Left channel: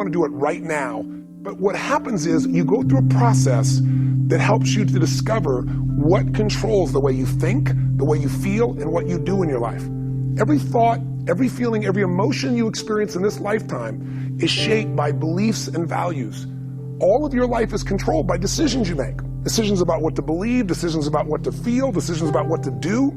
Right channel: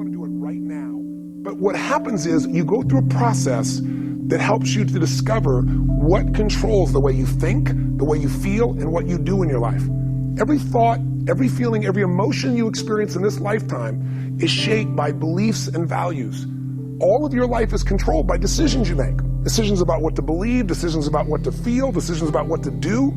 want to do it right now. But what happens is you go through a process that helps you to discover what controls the way you think, the way you feel, and what you do in your life. Every thought, every feeling, every emotion you experience in this lifetime is shaped by beliefs and values. All of your life is controlled by decisions you make. Decisions about what to believe, decisions about what to feel, decisions about what to do.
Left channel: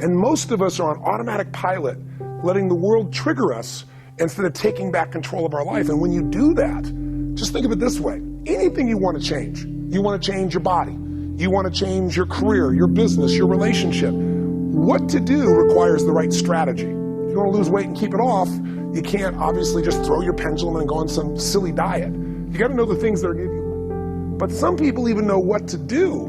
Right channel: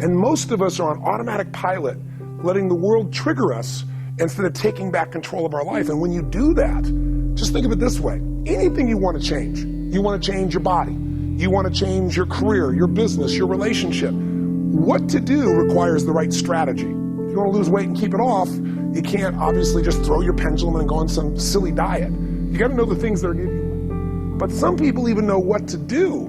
And most of us are on automatic pilot, letting the world trigger us instead of taking back control of our life. And when you do that, just think of it this way. Anything you want to change. You want to change your body. You want to change your career, your business, your relationship. What to do requires the right strategy. If you want to lose weight and keep it off, you can't obviously just throw your pendulum and go on some silly diet. You got to know the things that are good. But some people even know what to do,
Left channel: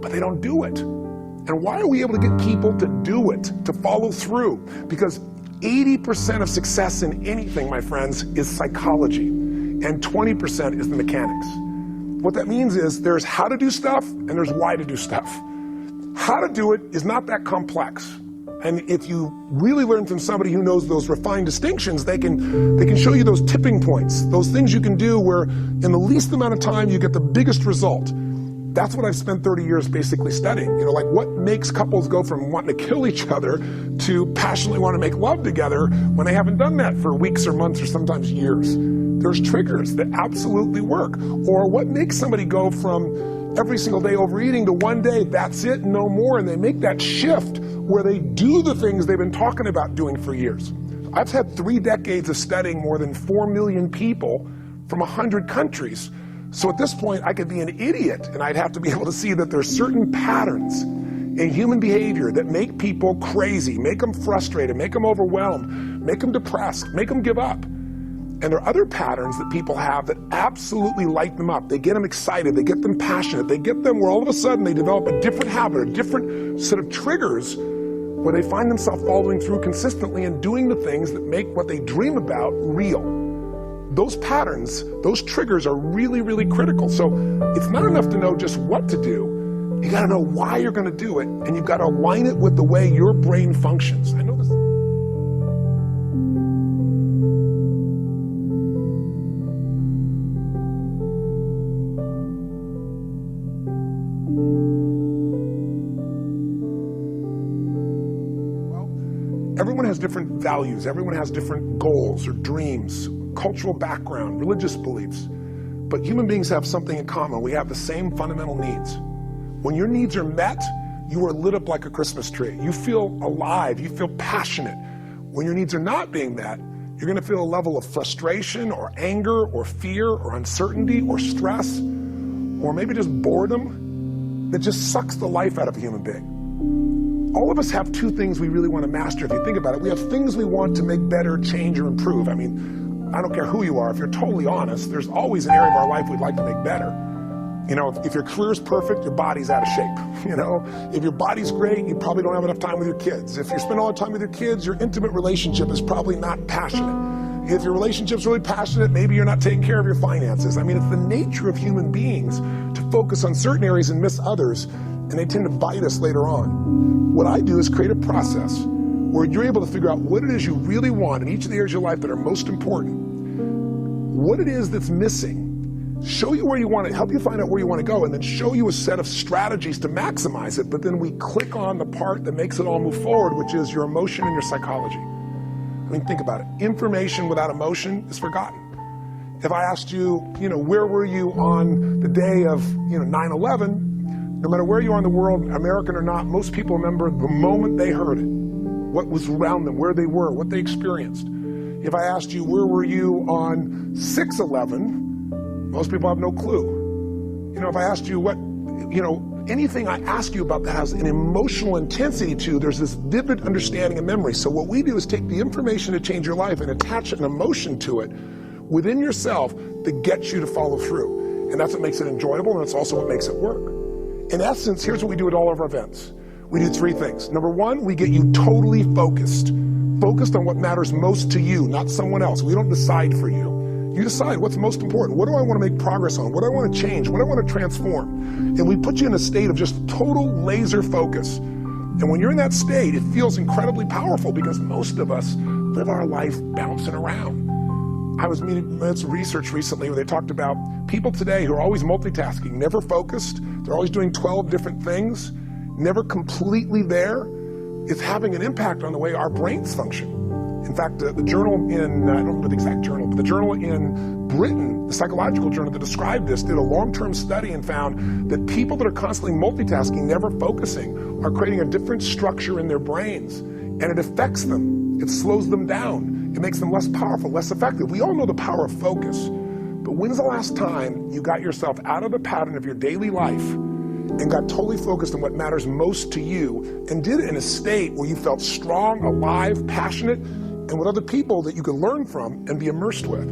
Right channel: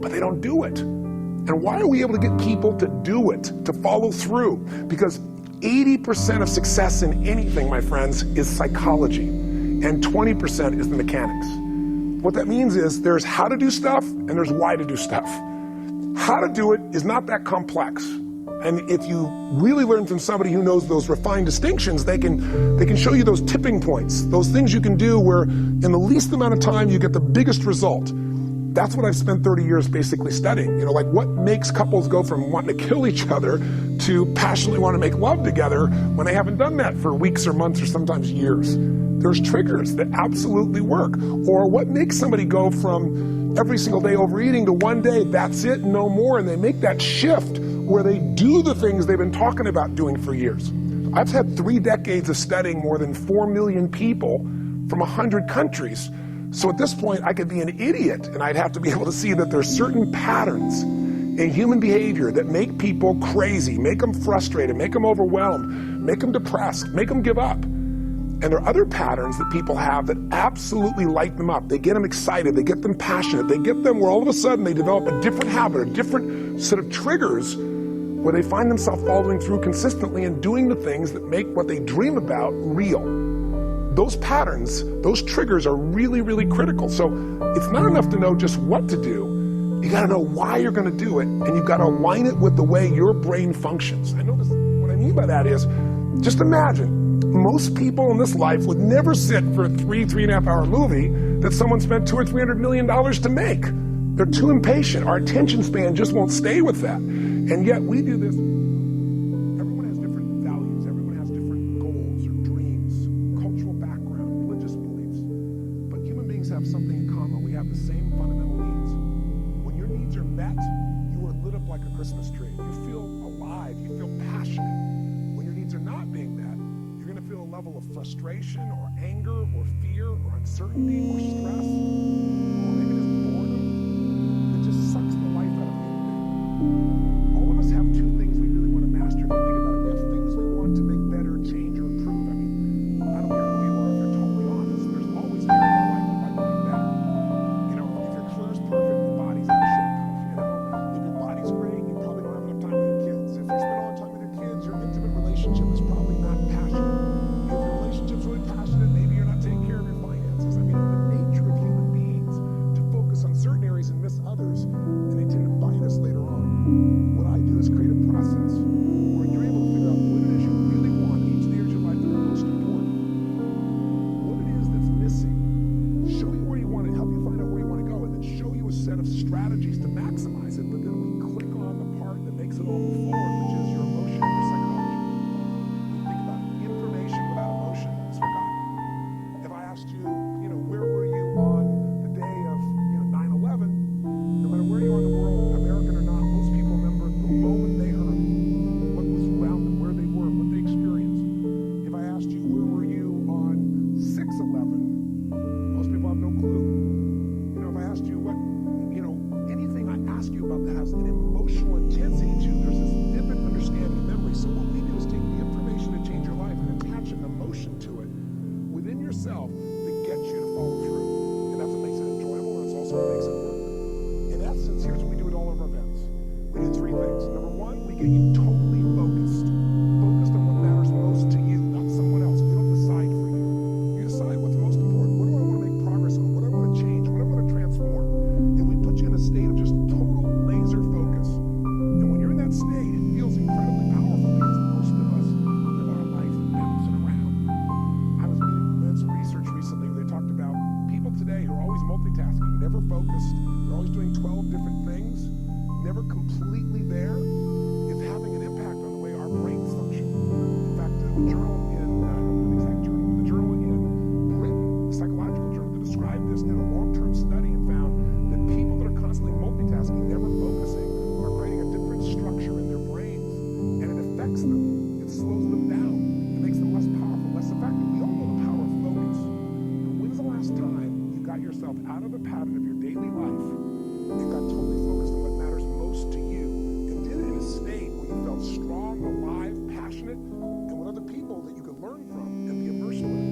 but they don't do it. And why are we able to get people to do it, to follow through? Because 80% of success in anything, my friends, is psychology, and 20% is the mechanics. What that means is there's how to do stuff and there's why to do stuff. How to do it is not that complex. And if you really learn from somebody who knows those refined distinctions, they can show you those tipping points, those things you can do where in the least amount of time you get the biggest result. That's what I've spent 30 years basically studying. You know, like what makes couples go from wanting to kill each other to passionately want to make love together when they haven't done that for weeks or months or sometimes years. There's triggers that absolutely work. Or what makes somebody go from every single day overeating to one day, that's it, no more, and they make that shift where they do the things they've been talking about doing for years. I've had 3 decades of studying more than 4 million people from 100 countries. So at this point, I could be an idiot, and I'd have to be able to see that there's certain patterns in human behavior that make people crazy, make them frustrated, make them overwhelmed, make them depressed, make them give up. And there are other patterns that people have that absolutely light them up. They get them excited, they get them passionate, they get them where all of a sudden they develop a different habit, a different set of triggers where they find themselves following through consistently and doing the things that make what they dream about real. Those patterns, those triggers are really, really critical. So it's not enough to know just what to do. You got to know why you're going to do it, and you've got to align it with the way your brain functions. I know this, what I mean by that is, just imagine, most people in this life would never sit for a 3.5 hour movie that someone spent $200 or $300 million to make. They're too impatient. Our attention span just won't stay with that. And yet we do this. Well, everyone has different values. Everyone has different goals or dreams, cultural background, religious beliefs. But human beings have something in common. We have the same fundamental needs. When your needs are met, you are lit up like a Christmas tree. You feel alive. You feel passionate. When your needs are not being met, you're going to feel a level of frustration or anger or fear or uncertainty or stress or maybe just boredom that just sucks the life out of a human being. All of us have 2 things we really want to master. If you think about it, we have things we want to make better, change, or improve. I mean, I don't care who you are. If you're totally honest, there's always an area of our life we'd like to make better. You know, if your career's perfect, your body's out of shape. You know, if your body's great, you probably don't have enough time with your kids. If you spend all the time with your kids, your intimate relationship is probably not passionate. If your relationship's really passionate, maybe you're not taking care of your finances. I mean, it's the nature of human beings to focus on certain areas and miss others, and they tend to bite us later on. What I do is create a process where you're able to figure out what it is you really want in each of the areas of your life that are most important, what it is that's missing, show you where you want to, help you find out where you want to go, and then show you a set of strategies to maximize it. But then we click on the part that makes it all move forward, which is your emotion and your psychology. I mean, think about it. Information without emotion is forgotten. If I asked you, you know, where were you on the day of, 9/11, no matter where you are in the world, American or not, most people remember the moment they heard it, what was around them, where they were, what they experienced. If I asked you, where were you on 6/11, most people have no clue. You know, if I asked you what, anything I ask you about that has an emotional intensity to, there's this vivid understanding and memory. So what we do is take the information to change your life and attach an emotion to it within yourself that gets you to follow through. And that's what makes it enjoyable, and it's also what makes it work. In essence, here's what we do at all of our events. We do 3 things. Number 1, we get you totally focused on what matters most to you, not someone else. We don't decide for you. You decide what's most important. What do I want to make progress on? What do I want to change? What do I want to transform? And we put you in a state of just total laser focus. And when you're in that state, it feels incredibly powerful because most of us live our life bouncing around. I was reading some research recently where they talked about people today who are always multitasking, never focused, they're always doing 12 different things, never completely there, is having an impact on the way our brains function. In fact, the journal in, I don't remember the exact journal, but the journal in Britain, the psychological journal that described this, did a long-term study and found that people that are constantly multitasking, never focusing, are creating a different structure in their brains, and it affects them. It slows them down. It makes them less powerful, less effective. We all know the power of focus, but when's the last time you got yourself out of the pattern of your daily life and got totally focused on what matters most to you and did it in a state where you felt strong, alive, passionate, and with other people that you could learn from and be immersed with?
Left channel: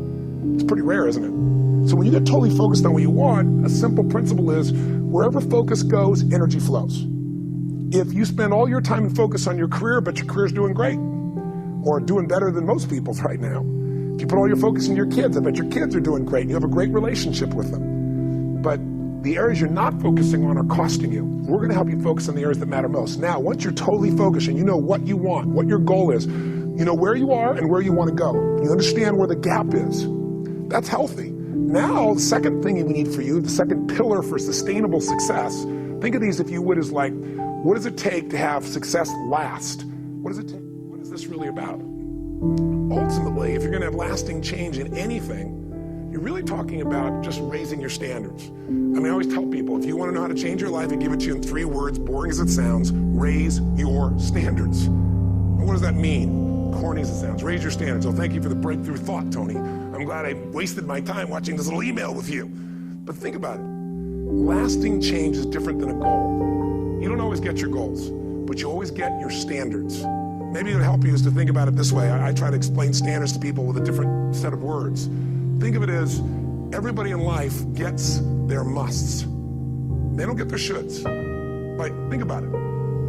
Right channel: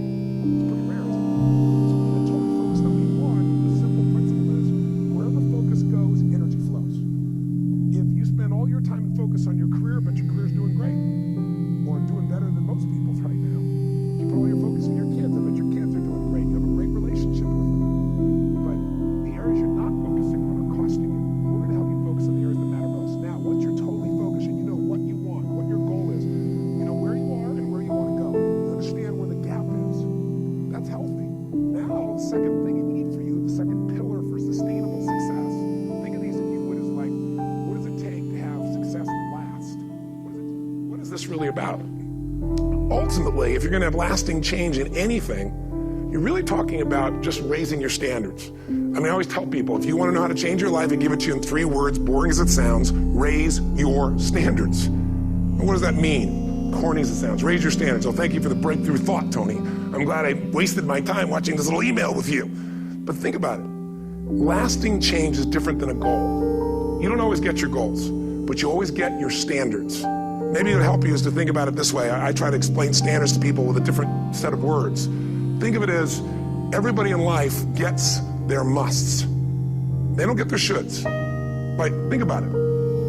It's pretty rare, isn't it? So when you get totally focused on what you want, a simple principle is wherever focus goes, energy flows. If you spend all your time and focus on your career, but your career's doing great, or doing better than most people's right now. If you put all your focus on your kids, I bet your kids are doing great and you have a great relationship with them. But the areas you're not focusing on are costing you. We're gonna help you focus on the areas that matter most. Now, once you're totally focused and you know what you want, what your goal is, you know where you are and where you wanna go. You understand where the gap is. That's healthy. Now, the second thing we need for you, the second pillar for sustainable success, think of these, if you would, as like, what does it take to have success last? What does it take? What is this really about? Ultimately, if you're going to have lasting change in anything, you're really talking about just raising your standards. I mean, I always tell people, if you want to know how to change your life, I give it to you in 3 words, boring as it sounds: raise your standards. And what does that mean? Corny as it sounds. Raise your standards. Oh, thank you for the breakthrough thought, Tony. I'm glad I wasted my time watching this little email with you. But think about it. Lasting change is different than a goal. You don't always get your goals, but you always get your standards. Maybe it'll help you is to think about it this way. I try to explain standards to people with a different set of words. Think of it as everybody in life gets their musts. They don't get their shoulds. Like, think about it.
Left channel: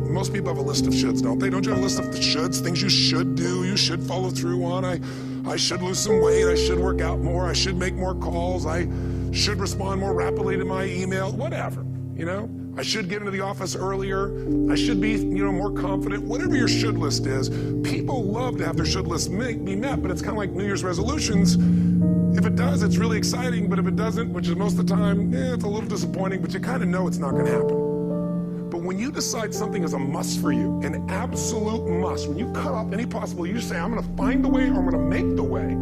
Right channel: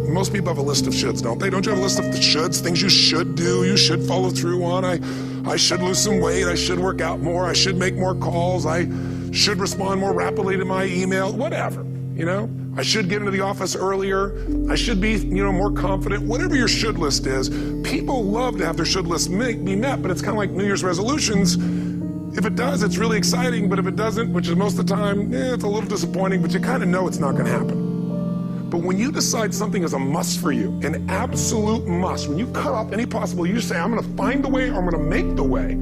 Most people have a list of shoulds, don't they? Don't you have a list of the shoulds, things you should do, you should follow through on? I should lose some weight, I should work out more, I should make more calls, I should respond more rapidly to my email, whatever, you know? I should get into the office earlier. I should be, more confident. Whatever your should list is, people love to have their should list be met, but it's kind of like New Year's resolutions. If it does, it's really exciting, but if it doesn't, which is most of the time, it's a little disappointing, but you kind of know it's not going to happen. But when you decide something is a must for you, an absolute must, when you cut off any possible, you say, I'm going to find the way, or I'm going to make the way.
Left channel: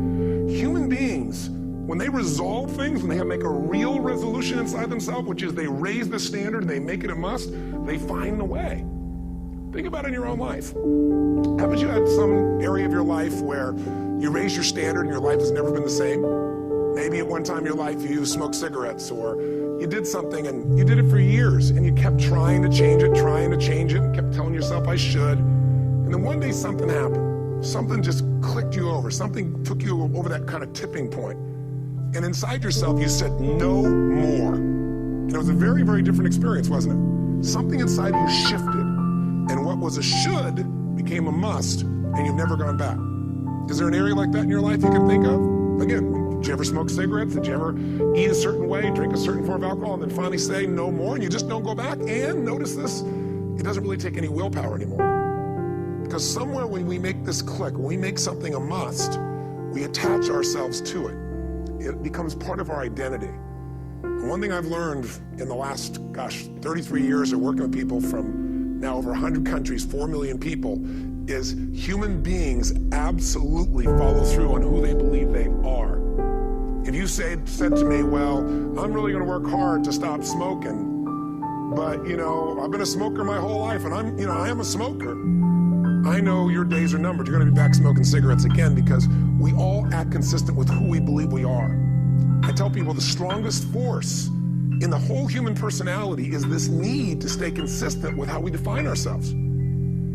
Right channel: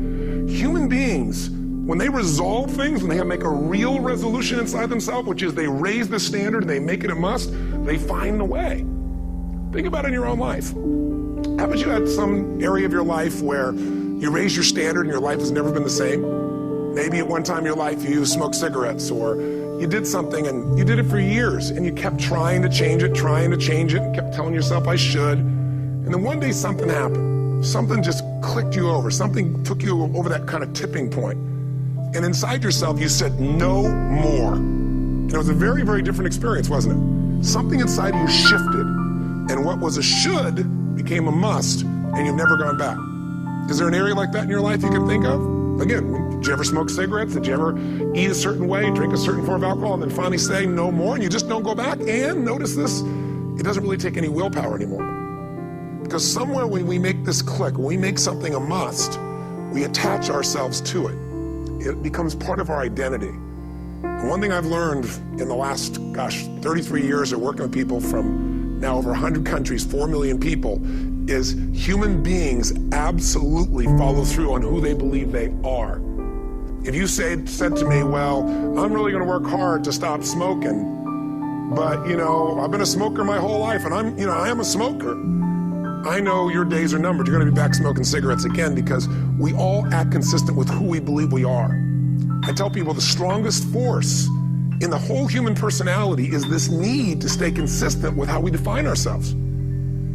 Human beings, when they resolve things, when they make a real resolution inside themselves, which is they raise the standard and they make it a must, they find the way. Think about it in your own life. Haven't you had some area of your life where you raise your standard and your life has never been the same? Maybe at one time in your life you smoked cigarettes, or you did something and you did it for years and you kept trying to change it, and kept telling yourself, I should. And then one day something happened. Something just clicked you over. Something took you over that kind of tipping point. And inside yourself, you said, no more. And it was a very, very different experience, wasn't it? Something inside you shifted, and what was a should became a must, and you've never gone back. Is there an area like that in your life you can think of? Again, did you ever smoke cigarettes? Did you ever eat a certain way, drink a certain form of alcohol, and then finally say no more, and you just don't go back? And notice this, it doesn't really take any willpower anymore. Because somewhere when we make this click, when we make something a must, we attach ourselves to it. It becomes part of our identity. And one thing I've learned in the last, 33 years of working with people from now over 100 countries, 4 million people, is human beings absolutely follow through on who they believe they are. If you said to me, well, I'm really gonna work hard to stop smoking, but I've been a smoker my whole life and I am a smoker. I know your days are numbered. You're going to be back smoking cigarettes again, because we all act consistent with who we believe we are. I tell people the strongest force in the whole human personality is this need to stay consistent with how we define ourselves.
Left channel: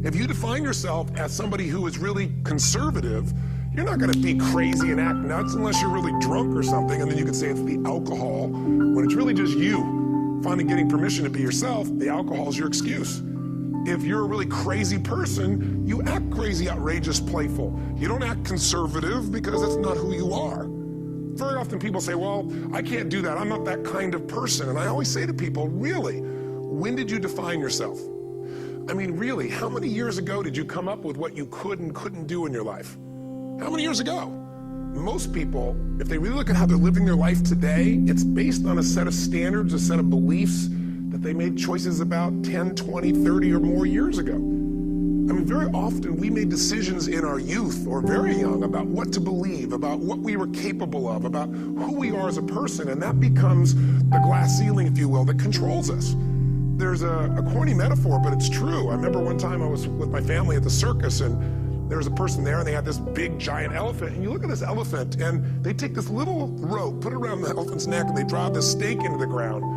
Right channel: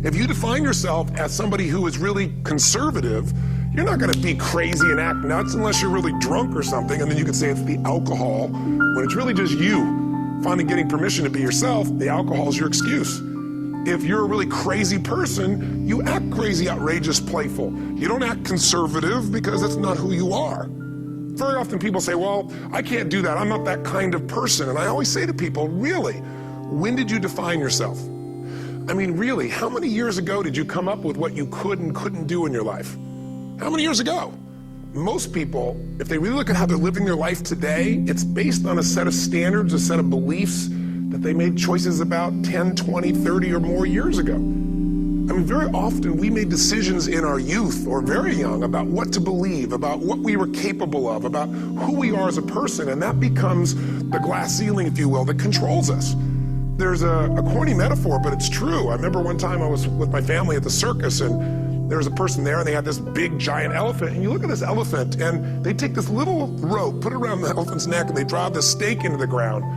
If you define yourself as somebody who is really conservative, you're not going to be crazy and act nuts unless you're really drunk or something, and then you could say it's the alcohol, when it's really just you finally getting permission to be yourself. The alcohol is your excuse. If you're a really crazy person, you act crazy, outrageous, playful. You don't act conservative because that's not who you are. Very often people say, well, I can't do that. I'm not that kind of person. And I always say to people, really, when did you define yourself? I mean, really, how many years ago did you come up with what you could and couldn't do in your life? How many years ago? most people, if they really look at how they're living their life today, it's based on a set of standards, a set of beliefs that they made choices about 10, 20, 30 or more years ago. I mean, very often we made decisions in our youth or very young about what to believe, about what we were capable of, about who we are as a person, and that becomes the glass ceiling, if you will, that controls us. There's a corny metaphor, but it's true. I remember one time I was with my family at the circus, and there was a person there, and they had this big, giant elephant, and you look at this elephant, and they take this little rope, put it around the elephant's neck, and they drive this stake into the ground.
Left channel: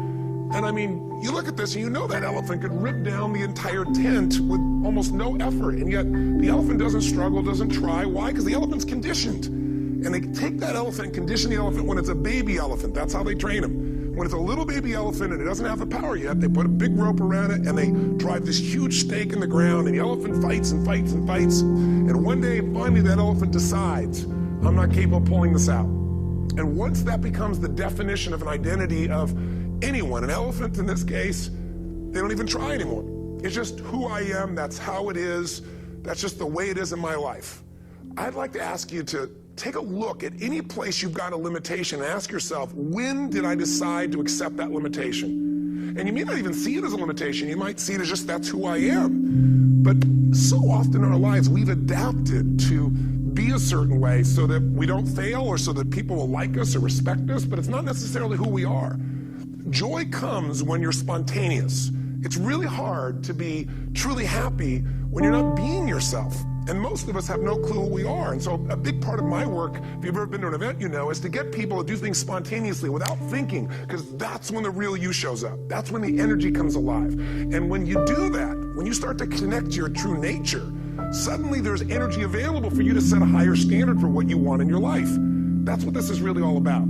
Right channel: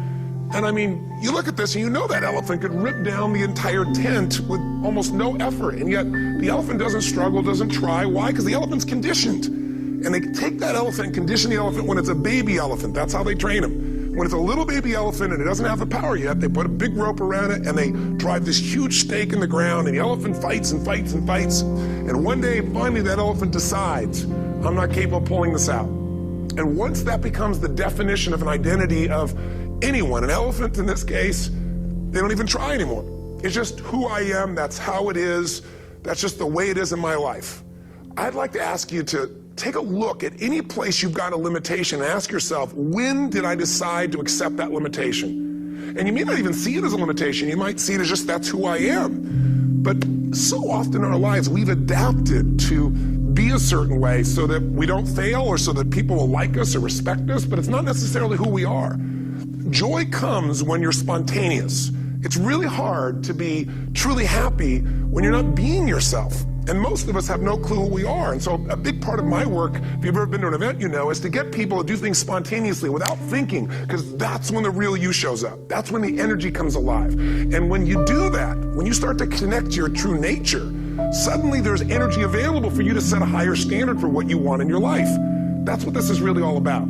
And I mean, you look at this and you know that elephant could rip down the entire tent with almost no effort. And yet the elephant doesn't struggle, doesn't try. Why? Because the elephant's conditioned. And they take that elephant and condition the elephant when it's a baby elephant. That's how they train him. When it's a little baby elephant and it doesn't have the power yet, they put a big rope around it and they drive this huge stake in the ground, and the elephant fights and fights and fights. And one day, finally, that elephant decides, I'm not capable of pulling this out. And once that becomes the definition of an identity of anyone, an elephant in this case, they don't even try anymore. It's just who I am, that's how it is, that's just the way it is in my life. I'd like to ask you to take a look at any place you've got a limitation and ask yourself, when did I decide to accept that limitation? And you may not even see it as a limitation, you might see it as just that's who I am. But so often in our lives, we've adapted to be a certain way so that we don't fail or so that people will like us or respect us, but it's not necessarily who we are. Joy comes when you're spontaneous. It's really hard to be truly happy when you're not being yourself. And most of us have no clue who we are. And so a big part of my work, if you've ever been to an event, you know, is to get people to do things spontaneously without thinking, because that's when the real you shows up. That's when the energy comes alive. And when you do that, when you start to connect to your true nature, suddenly there's energy available for you to set a higher standard for what you want in your life. That's what this is really all about.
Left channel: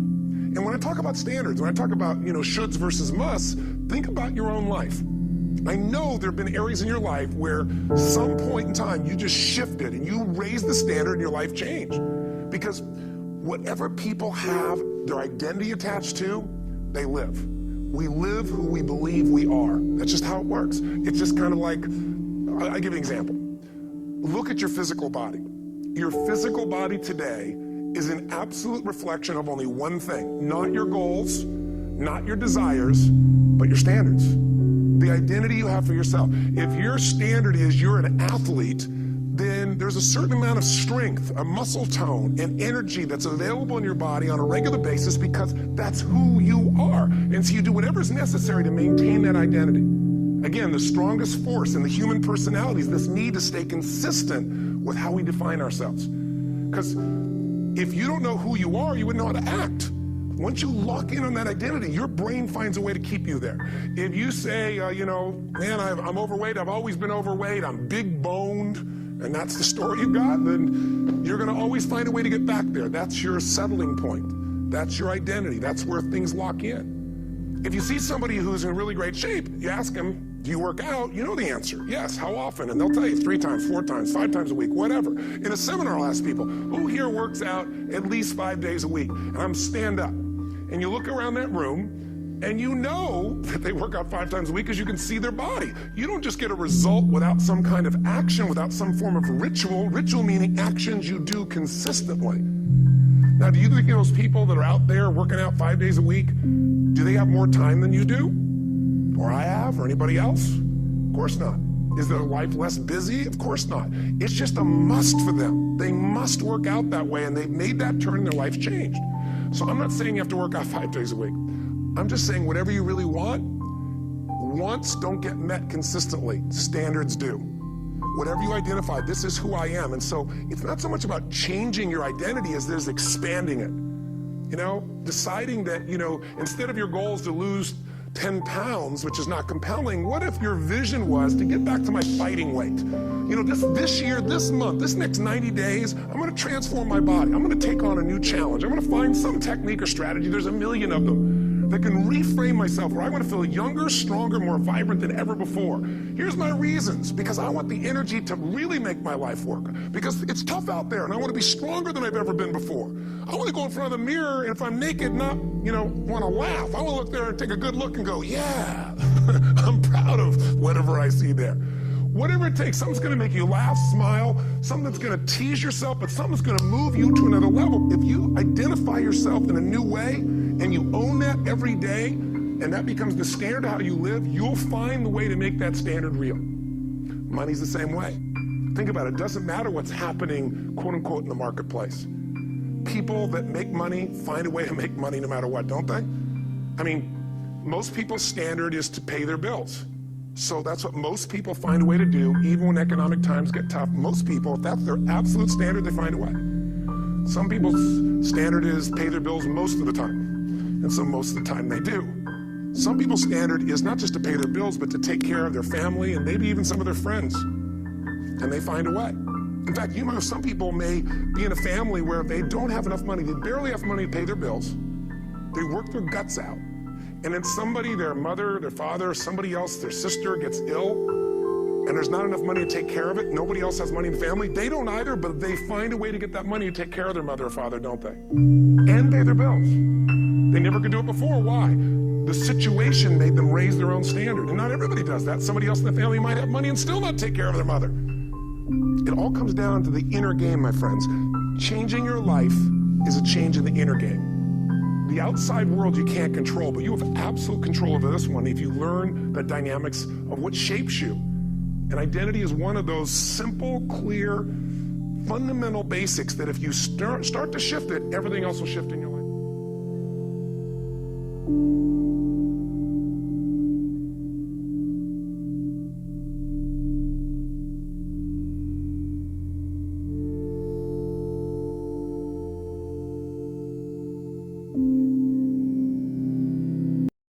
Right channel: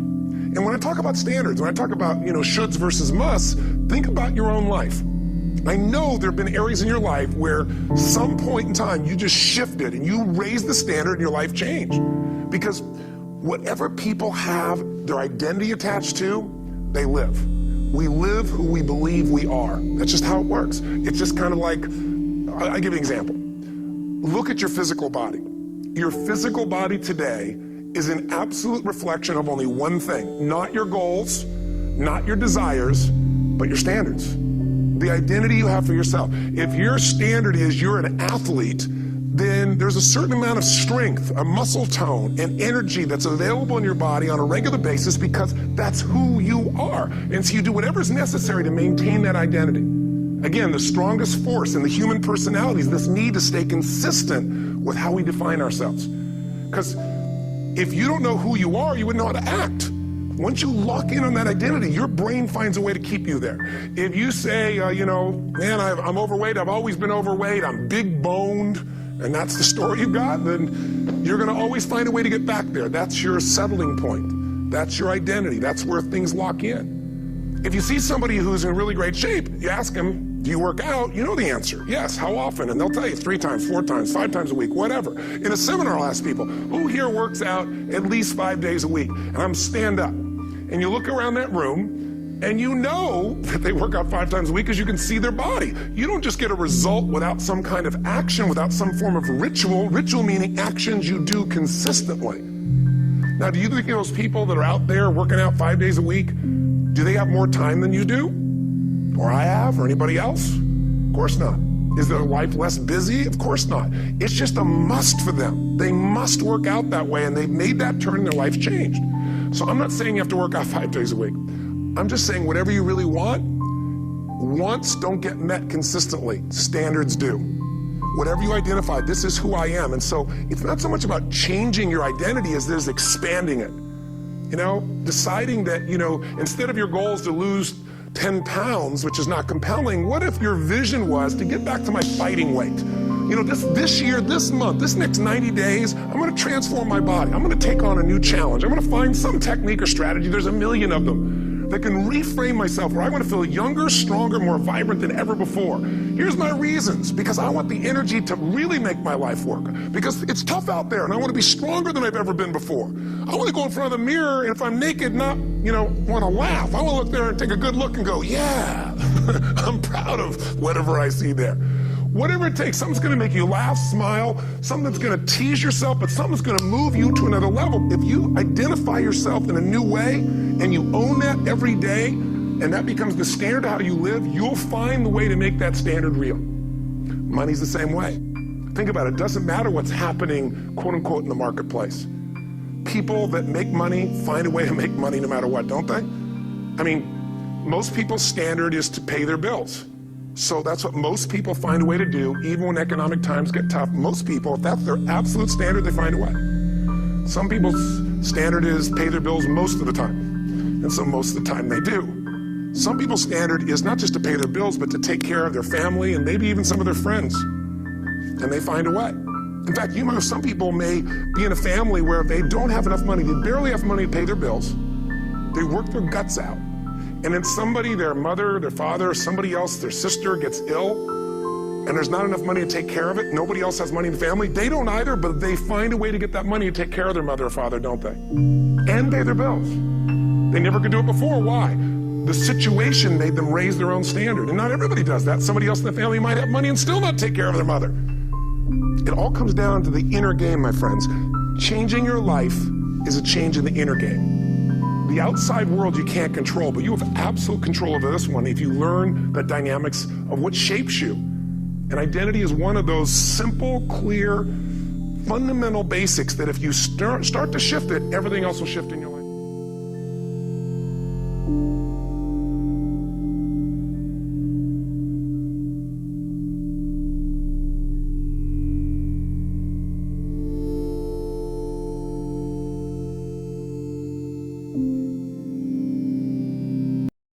And when I talk about standards, when I talk about, shoulds versus musts, think about your own life. I know there have been areas in your life where some point in time you just shifted and you raised the standard and your life changed. Because whatever people have their identity attached to, they live. We live who we believe we are. That's just how it works. It's just kind of like, I'll give you an example. Look at your physical body. Your physical body today is an absolute reflection of only one thing, not your goals, not your desires, but your standards. The identity you have for yourself. If your standard is you're an athlete, then there's a certain amount of strength, a muscle tone, and energy that's available in your body on a regular basis because that's who you are. And so you do whatever's necessary to maintain that identity. Again, the strongest force in the human personality is this need to stay consistent with how we define ourselves. Because if you don't know who you are, you wouldn't know how to act. Once you lock in on that identity, your brain finds a way to keep you there. If you say, man, I'm overweight, I've always been overweight, I'm big boned, and that's the story you've got, then you're gonna always find a way to get back there. That's your settling point. That's your identity. That's where things lock in. If you see somebody who's in really great shape, you ask them, do you work out? You know the answer. Yes. How often? And they'll tell you 3 times, 4 times, 5 times a week, whatever. In a seminar, I'll ask people, who here works out at least 5 days a week? And I'm stand up. And you look around that room, and you know that they work out 5 times a week because you can see their body. You don't just get a result without some kind of action, without some form of ritual. Ritual meaning actions you do consistently. Now, do you think those people that are out there working out 5 days a week, do they have more time than you do? Or I have, or anybody else? Of course not. Is their life less busy? Of course not. It's just a must for them. They must work out that way, and they've made that turn and their life changed. So I'm not saying you have to work out 5 days a week. I'm just saying whatever you really want, wants don't get met consistently. Standards do. Whatever you identify, this is who I am. And so it's not so much about changing your identity as it is expanding it. Deciding that, instead of your goals to lose 10 pounds, which is not compelling, what if your vision was to get back to my fighting weight? This year, this month, this next 90 days, I'm gonna transform my body. I'm gonna take on a new challenge. I'm gonna find some technique or strategy, there's a million of them, that can reframe myself where I wanna feel younger, stronger, more vibrant than ever before. Here's my reasons, because I want the energy to really make my life work. Because it's tough out there, and I wanna be stronger than I've ever been before. I wanna go in front of the mirror, and if I'm naked, not, wanna laugh. I wanna look there and take a good look and go, yeah, I'm proud of whatever I see there. Whatever it takes, something's gonna make you laugh, smile, something that's gonna tease yourself, but something's gonna move you to another level. If you identify yourself in a new way and you own that every day, and that becomes the standard of how you live, you'll find the way to make that standard real. Money's the same way. Think about it. It doesn't matter what's happening, quote unquote, in the marketplace. People that make money find a way to make money no matter what, don't they? I mean, most people's standard is to pay their bills. So that's what most people find a way to do, even when economic times get tough. Most people, if that's their absolute standard, they find a way. Some people's standard is pay their bills most of the time. And so most of the time they do. Some people's standard is not just to pay their bills, but to take care of their family and maybe even some of their friends. And they find a way. In fact, you know, some people may be in a family where they don't have enough money, they barely have money to pay their bills. They work their guts out. And then somebody, their mother, their father, somebody else, their sister gets ill, and there's not enough money to take care of it. Nobody else has money in the family. They don't either, but they find a way to get that money to take care of their mother or father, don't they? And pay their bills. They never could do it before. Why? The situation made them raise their own standard. And not everybody does that. Somebody else in the family might have money and still not take care of their mother. It all comes down to the inner game, my friends. Changing your life is a change in the inner game. The outside world you can't control, but you have absolute control over this one if you learn the dynamics of what shapes you. And identity is one of those simple, clear, fundamental basics that if you start to shift it, everything else will shift in your life.